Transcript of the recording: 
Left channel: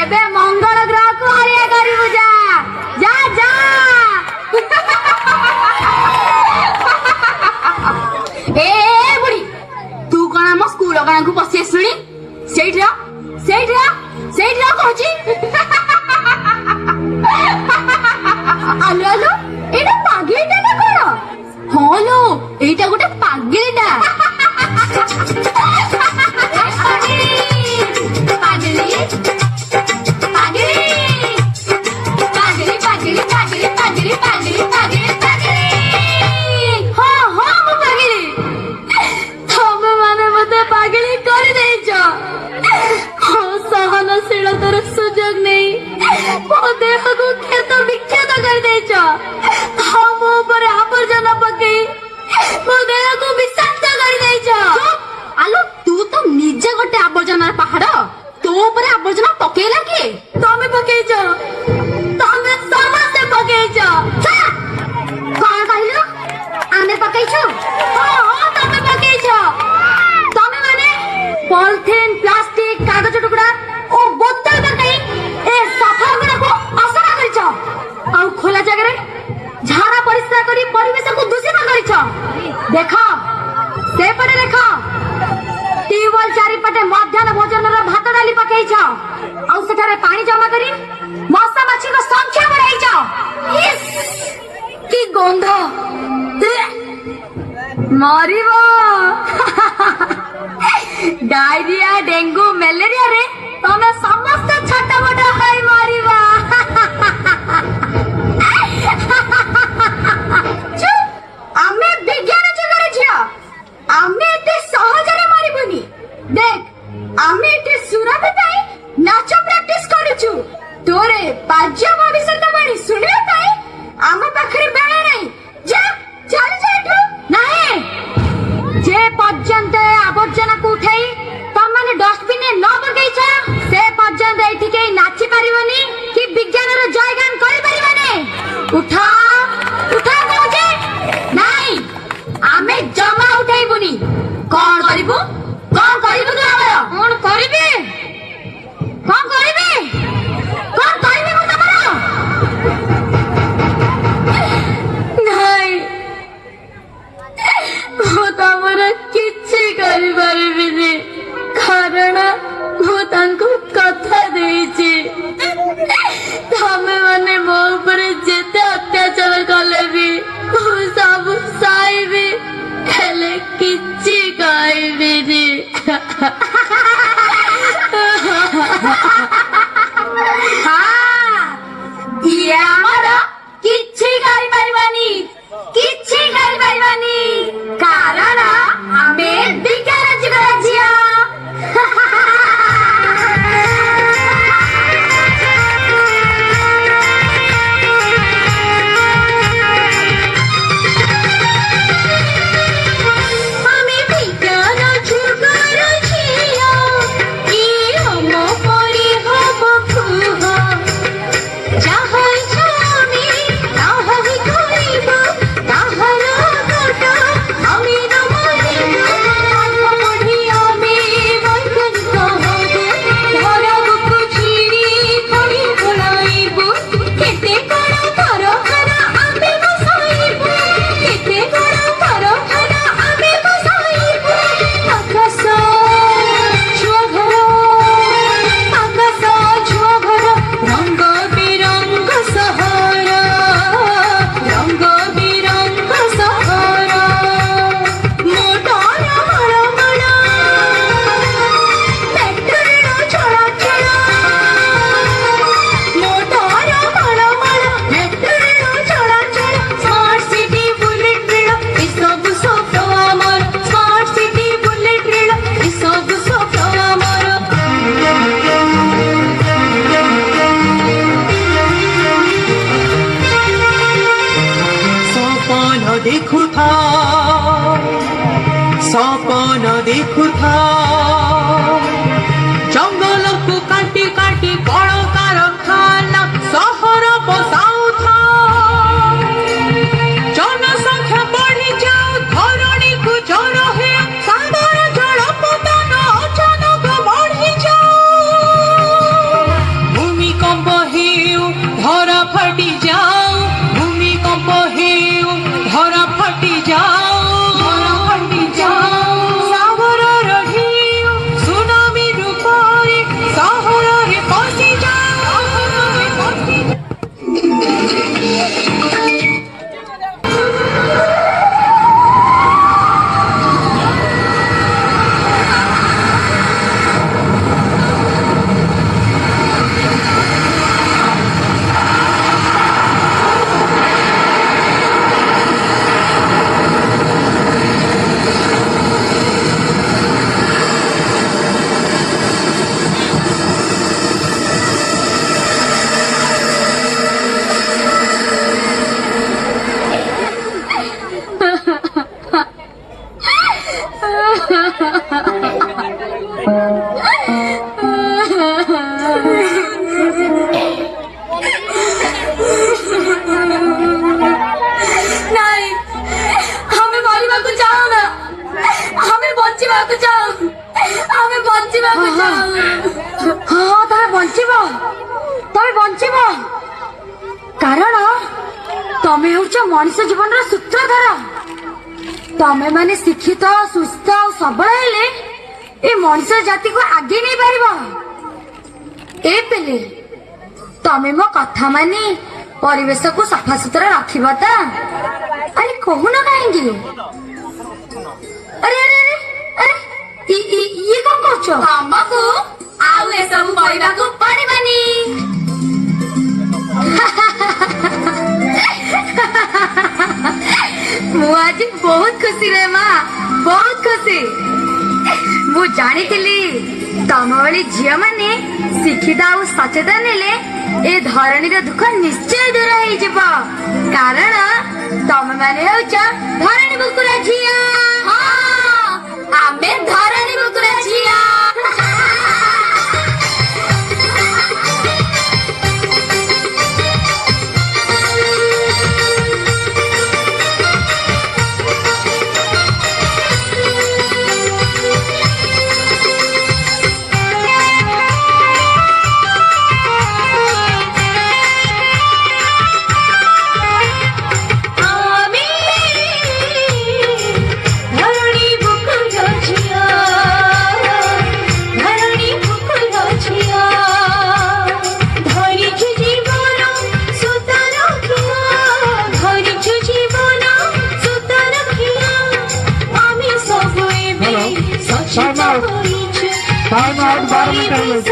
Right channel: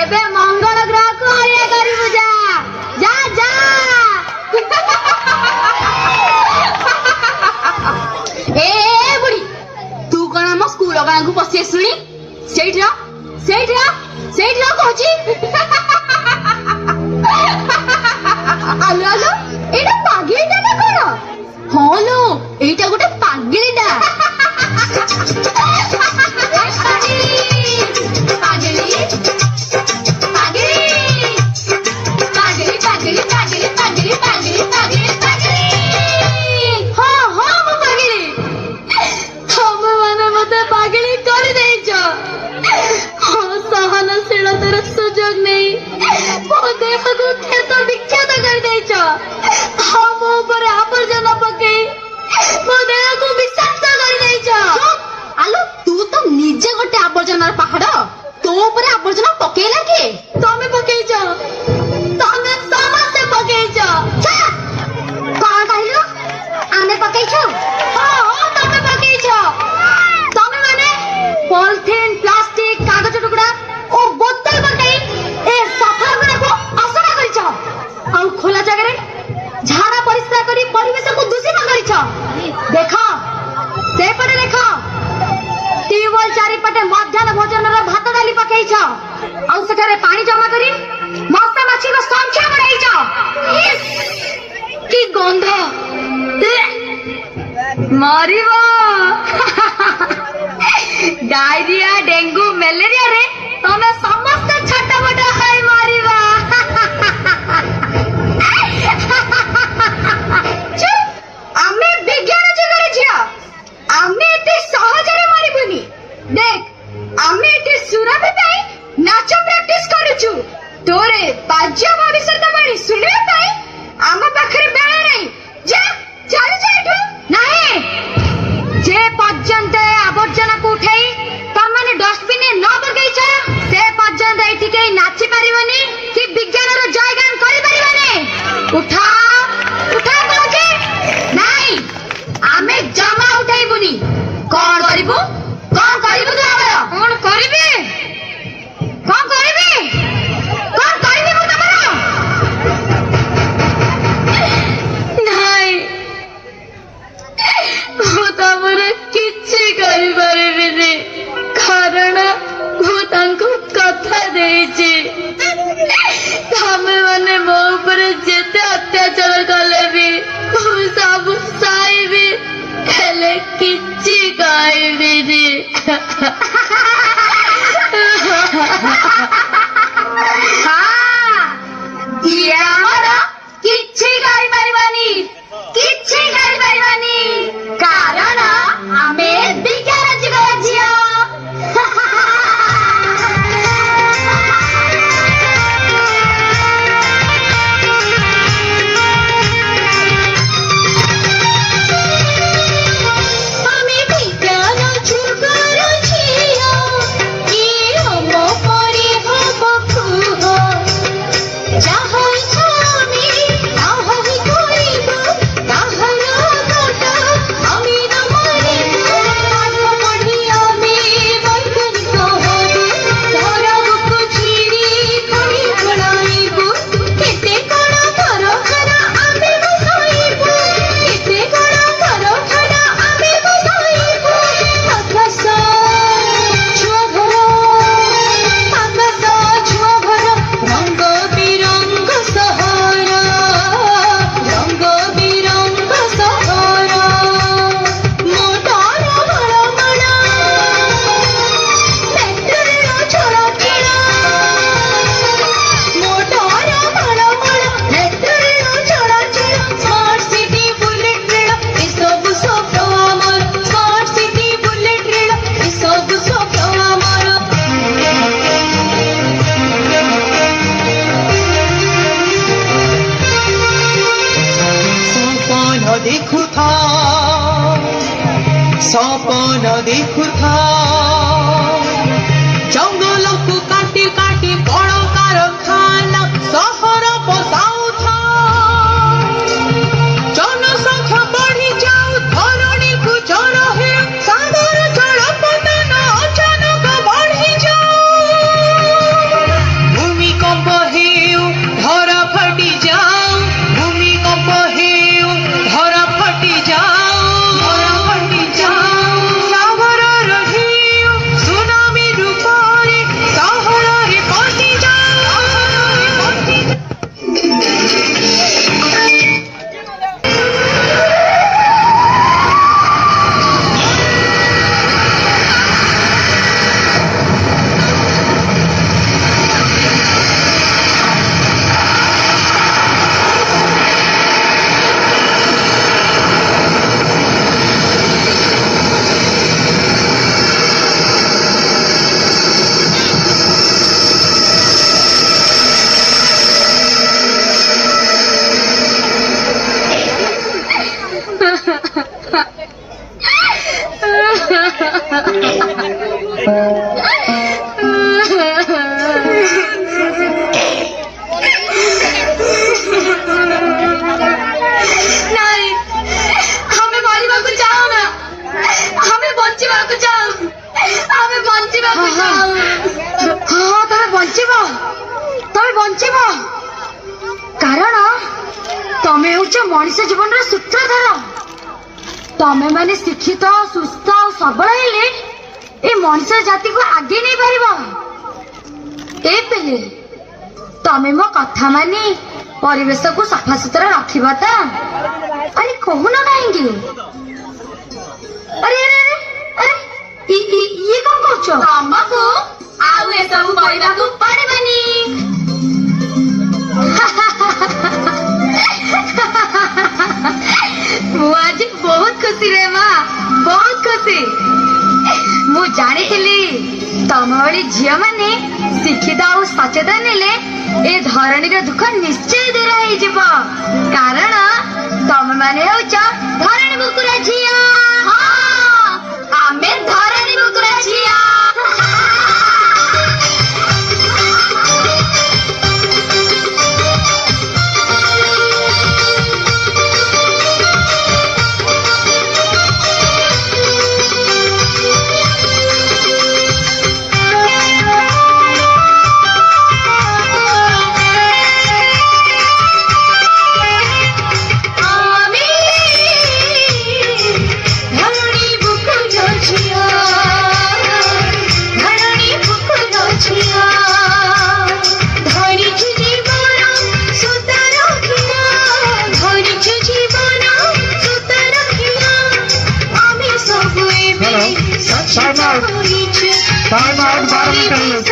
एबे मंगल ग्रह को ये करिबु जा जा जा ए बुढ़ी तू कोन हम स्कूल गाना को पसी सुनी सेइठा कहूची आलो आलो एटा पागेटा ना कोन हां लो एटा गोटे पागेटा पानी जमा करी मशा माछी को संख्या बढ़ाई जाओ की गंध मरिबो डायरिया डेंगू मलेरिया रे तमे समस्त छोटा मोटा हाई मरिबो आमे विज्ञान जगरे जिया आमे एते सहजरे मरिबुनी देख आमे एते सुरभि पाई नाच प्रैक्टिस करूछु तोरे पाज्य भविष्यत बाणी सुनिबा पाई आम पाखरे बेला नहीं जा चल जा एठू नहीं जे पर्यंत आवर्जना को उठाई तम माने डस्टबिन न बगैछ से पर्यंत एठी के नाची परिबनी कि विज्ञान रो जयगान करि परिबनी उठा उठा कहजे नहीं आमे जमा उठाइबुनी कोन करिबु तू हमर कोन करिबे कौन करिबे कौन करिबे मु तमरा नहीं मु तमरा किछि करि परबिनी कारण मु तांको कथा देछि तमे माने मो ऊपर जेते अत्याचार कले भी मु सब साइबे हेले किछि कहबिनी किछि गाई परिवानी कारण आमे विज्ञान जगह जिया जंगल को काटी काटी कल कारखाना सहर बसाउथा जनसंख्या बढ़ी जाऊ धरणी को जल हे सागर जल पतन अचानक बढ़ी जाऊ ନାଇଁ ଆମେ ମରିବାକୁ ଚାହୁଁନା, ଆମେ ବଞ୍ଚିବାକୁ ଚାହୁଁ, ଆମେ ବଞ୍ଚିବାକୁ ଚାହୁଁ। ହଁ ତମେ ବଞ୍ଚିବ, ତମେ ବଞ୍ଚିବ, କାରଣ ତମେ ହେଉଛ ମଣିଷ ଜୀବନର ସୂତ୍ରଧର। ତମେ ମାନେ ଶିକ୍ଷିତ, ସୁସ୍ଥ ଆଉ ସବଳ ହେଲେ ଏ ମଣିଷ ଜାତିକୁ ଆଗେଇ ନେଇ ପାରିବ। ଏ ପିଲେ, ତମେ ମୋ କଥା ମାନି ପରିବେଶକୁ ସଫାସୁତୁରା ରଖିବ ତ? ଆରେ କହୁନ କାହିଁକି? ଆରେ ଆରେ ଆରେ ଇଏ କଣ କରୁଛ? ଆମକୁ ଆଉ ଏସବୁ କରିବାକୁ ପଡିବନି। ମୁଁ ଆଜି ବହୁତ ଖୁସି ରେ ମା, ବହୁତ ଖୁସି। ମୁଁ ଜାଣିଥିଲି ତମ ଭଳି ଝିଅ ମାନେ ଶିକ୍ଷିତ ଆଉ ସଚେତନ ହେଲେ ଏ ଧରଣୀର ଦୁଃଖ ନିଶ୍ଚୟ ଦୂର ହେଇଯିବ। କାରଣ ତମେ ମାନେ ହେଉଛ ଧରଣୀ ବୁକୁରା ଝିଅ। ଆମେ ଧରଣୀ ବୁକୁରା ଝିଅ। Time out, 12 minutes.